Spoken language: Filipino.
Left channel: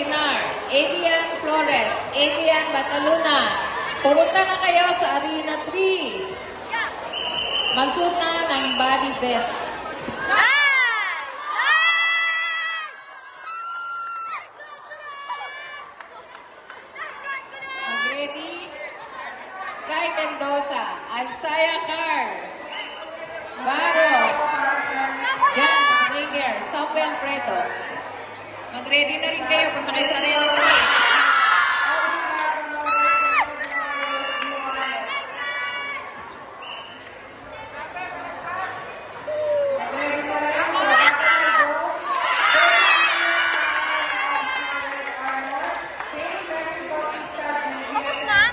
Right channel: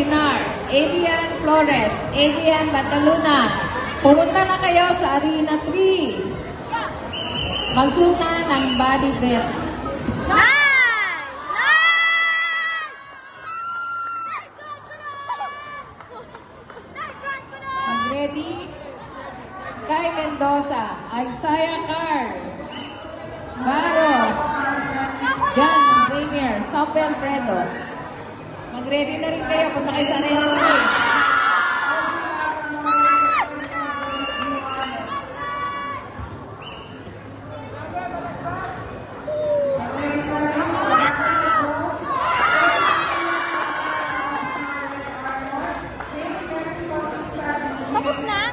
Sinar, Adrian Flores, Adrian Bataluna. Pumunta na kayo sa Arena 3. Magsuot na ng body vest. Ready? Sky Mendoza, Alsaya Car, Maro, John Ringer, Samuel Fredo. Mag-ready na rin kayo punta kayo sa Arena 3. Tapos na?